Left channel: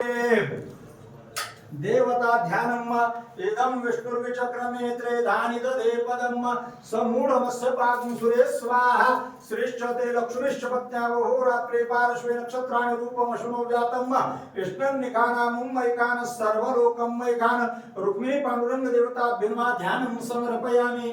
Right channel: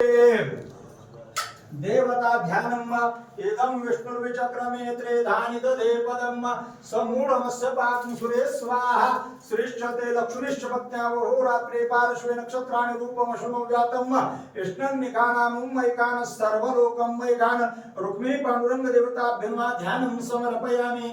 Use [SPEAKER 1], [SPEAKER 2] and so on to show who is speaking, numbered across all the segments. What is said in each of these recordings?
[SPEAKER 1] देवता ध्यानम्मा इदं विष्णुर्विचक्रमे धानिद पदम्मा समूढमस्सपाकं सुरे स्वाहा श्रीश्चते लक्ष्मीश्च पत्न्या रात्रे पारश्वे नक्षत्राणि रूपमशुनो व्यातम् कृष्णं निखानामुं मैकान सर्वलोकं मैकान रुक्मी पांडुरंग देवताभ्यर्मा ध्यानं समर्पयामि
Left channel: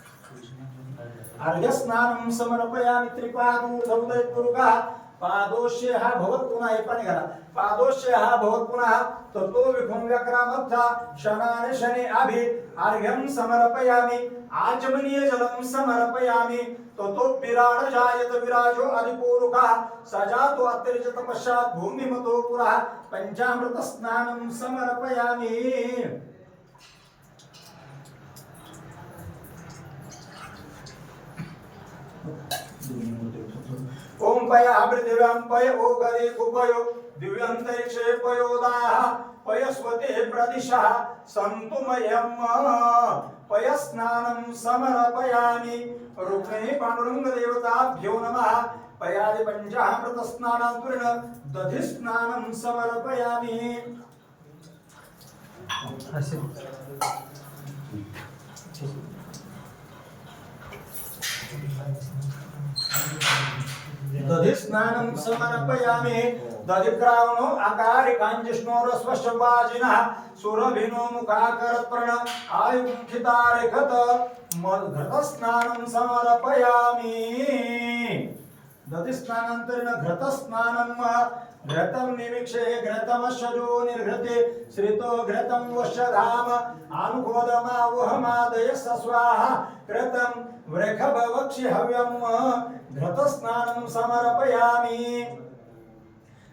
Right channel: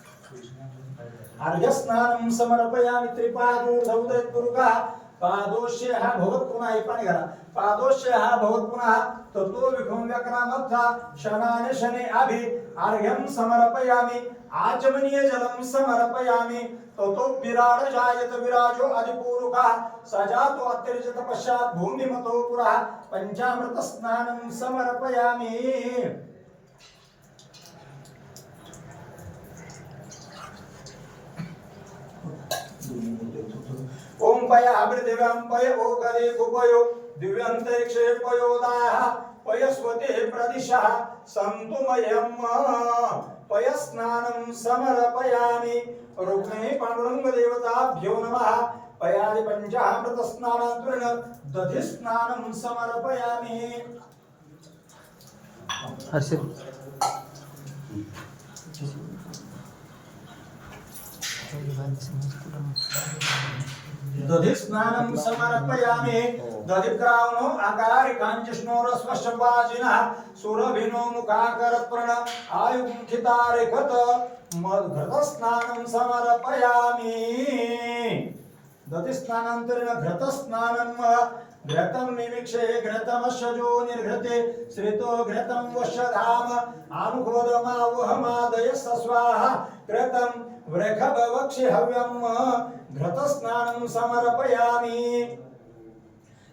[SPEAKER 1] अर्घस्नानं समर्पयामि त्रिपादूर्धौदय कुरुका पादोश्य हा भवत पुन्हा हे पाणी घाला पादोश्य हा भवत पुन्हा तत्तो विखुम व्यक्रामर्था शनाने शने अभि अर्घ्यं समर्पयामि आचमनीय जलं समर्पयामि ततो विराड जायत विराजो अधिपूरुका सजातो अत्यरिच भूमिमतो पुरः पञ्चामृत स्नानं समर्पयामि ओम पय अभृदिव्यं पय ओगरे कुपयो दिव्यन्तरिक्षे पयोदाह पयस्वते प्रदिशः सन्तु मह्यं पयस्नानं समर्पयामि रुक्णे देवताभ्यो नमः पयादि दधि दधिस्नानं समर्पयामि असे स्नानं समर्पयामि दधित्रावनो अकारिकाञ्जष्णोरस्पष्टपाजिनः सुरभिनो मुखाकरप्रण आयुमुखितारिखत घृतस्नानं समर्पयामि दधिस्नानान्तरेण घृतस्नानं घृतं निरीक्षे घृतमशजो निर्घृते श्रितो घृतं वशधाम स स्वाहा कृतं वृखभवक्षि हव्यम् घृतस्नानं समर्पयामि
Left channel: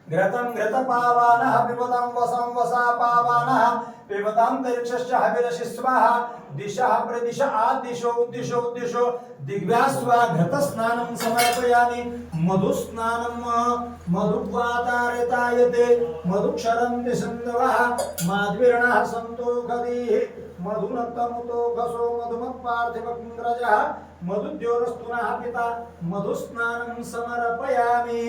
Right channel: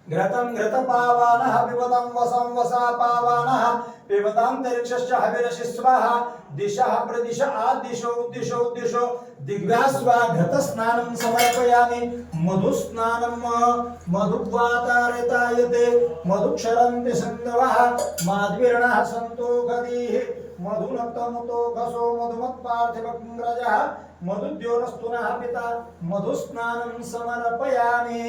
[SPEAKER 1] घृतं घृतपावानः पिबतं वसं वसा पावानः पिबतान्तरिक्षश्च हविरसि स्वाहा दिशः प्रदिश आदिशो दिशो दिशो दिग्भ्यास्वा घृतस्नानं समर्पयामि मधुस्नानं मधुग्वातारितायते मधुक्षरन्ति सन्दवः माध्वीर्णः सन्तो गदीः मधुनक्तमुतो घसो मधुमत्पार्थिवग्रजः मधुद्योरस्तुनः पिता मधुस्नानं समर्पयामि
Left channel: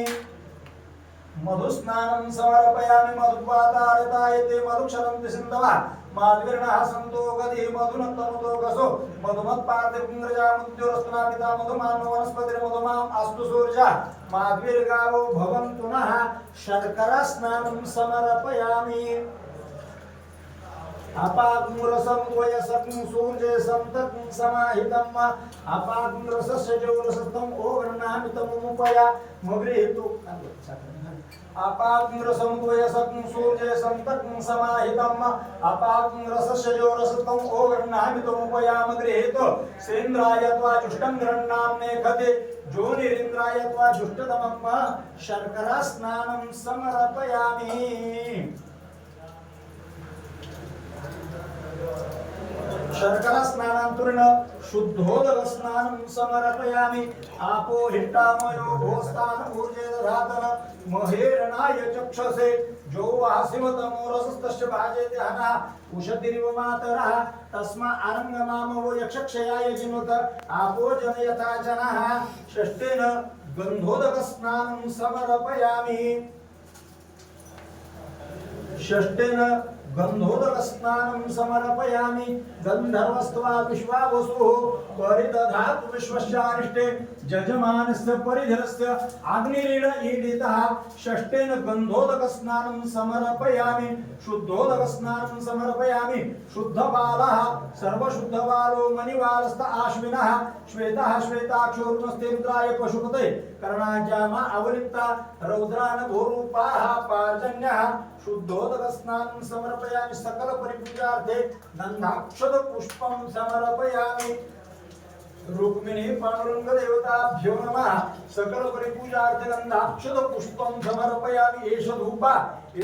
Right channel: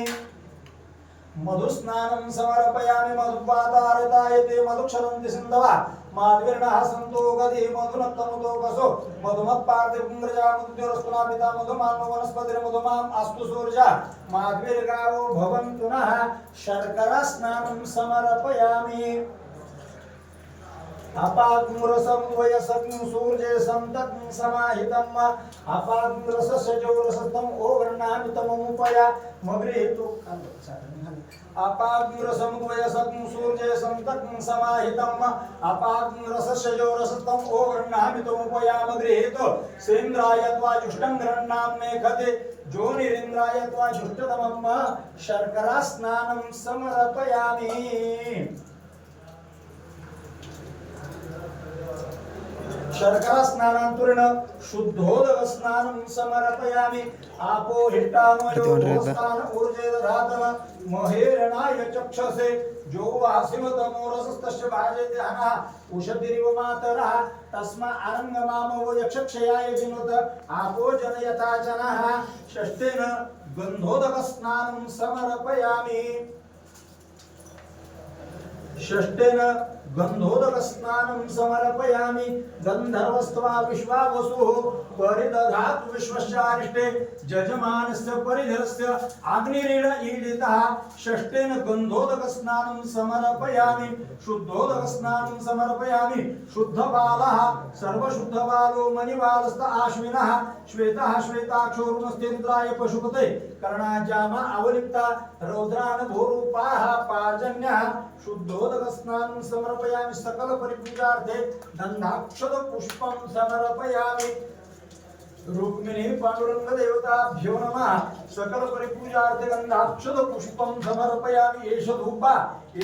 [SPEAKER 1] मधुस्नानं समर्पयामि मधुपादारताय ते मधुक्षरन्ति सिन्धवा माधुर्णः सन्तो गसो मधुनक्तमुतो कसो मधुमत्पार्थिपुङ्ग्रजामुद्योरस्तुनापिता मधुमान्वनस्पतिर्मधुमाम् अस्तु सूर्यः माध्वीर्गावो भवन्तु नः शर्करास्नानं समर्पयामि अपाग्रसं द्वयसं सूर्ये सन्ततं समाहितं वा अपाग्रसस्य जौरसत्तम् ओ उपया मग्रे हेतु अपाग्म रसमुद्वय सूर्यसं सूर्य समाहितम् समाहितम रसस्य रसस्यजो रसतम ओ गृह्णामि तुम उपयाम गृहेतो श्रीन्द्राय त्वा जुष्टं मे खते जो निरेन्द्राय त्वा जुष्टतमं शर्करा स्नानं समर्पयामि शर्करा स्नानांतुर्ण शुद्धोदक स्नान समर्पयामि आपोहिष्टामयोस्तान ऊर्जे दधातन चक्षसे जो तस्य भाजे ध्यानः उषतिरिव मातरः तस्मा अरङ्गमामो यक्षक्षयाय जिनुत आपो जन यथा जनः षष्ठेन गन्धोदक स्नानं समर्पयामि षष्ठेन गंधोदरस्नानं समर्पयामि गन्धर्वस्त्वा विश्वावसुः परिदधातु विश्वस्यारिष्टे जजमानस्य परिधरस्य अग्निरेण ईडितः षष्ठेन गन्धोदकस्नानं समर्पयामि शुद्धोदकस्नानं समर्पयामि शुद्धबालः सर्वशुद्धबालो मणिवालस्त आश्विनः श्वेतः श्वेताक्षोरुमस्ते रुद्राय पशुपते कर्णाजामा अवलिप्ता रौद्रान भूरूपाः शुद्धोदक स्नानं समर्प समर्पयामि सकल परिपूजार्थे पुष्पम समर्पयामि रुक्मिणी पांडुरंग देवताभ्यो नम सकल परिपूजार्थे गंधाक्षत पुष्पम समर्पयामि एष धूपा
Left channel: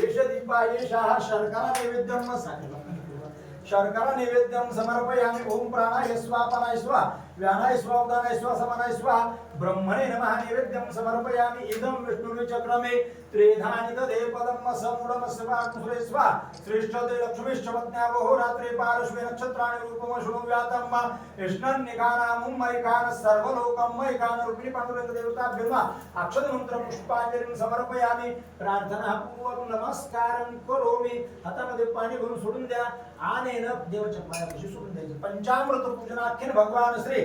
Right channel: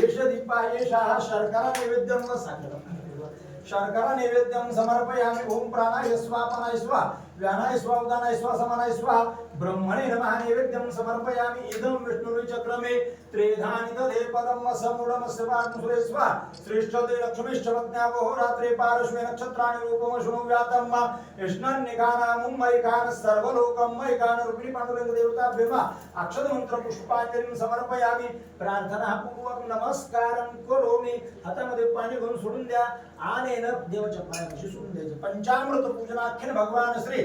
[SPEAKER 1] एष दीपा एषः शर्करा नैवेद्यं न शर्करा नैवेद्यं समर्पयामि ओम प्राणाय स्वापनाय स्वाहा व्यानायस्वावदानायस्व समानायस्व ब्रह्मणे नमः नैवेद्यं समर्पयामि इदं चक्रमे त्रेधानि दधे पदम् असमूढमस्वात्मसुरेस्व श्रेष्ठते लक्ष्मीश्चवज्ञावहो रात्रे पारश्वे नक्षत्राणि रूपमशृणु व्यातं वा विष्णन्निघानामुं मयिकान् सर्वलोकं मयिकान् रुक्मिणीपण्डुरङ्गदेवताभ्युर्वा अक्षतमन्त्रपुष्पाञ्जलिं समर्पयामि प्रार्थना पूर्वं नमस्कारं करोमि हातामध्ये पाणी घेऊन सोडून द्या आणि देवाच्या सोडून पंचामृत पूजनाख्यन भगवान श्री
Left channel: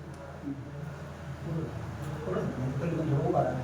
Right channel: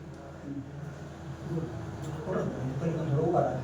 [SPEAKER 2] ところでね、鳥のドローバだね、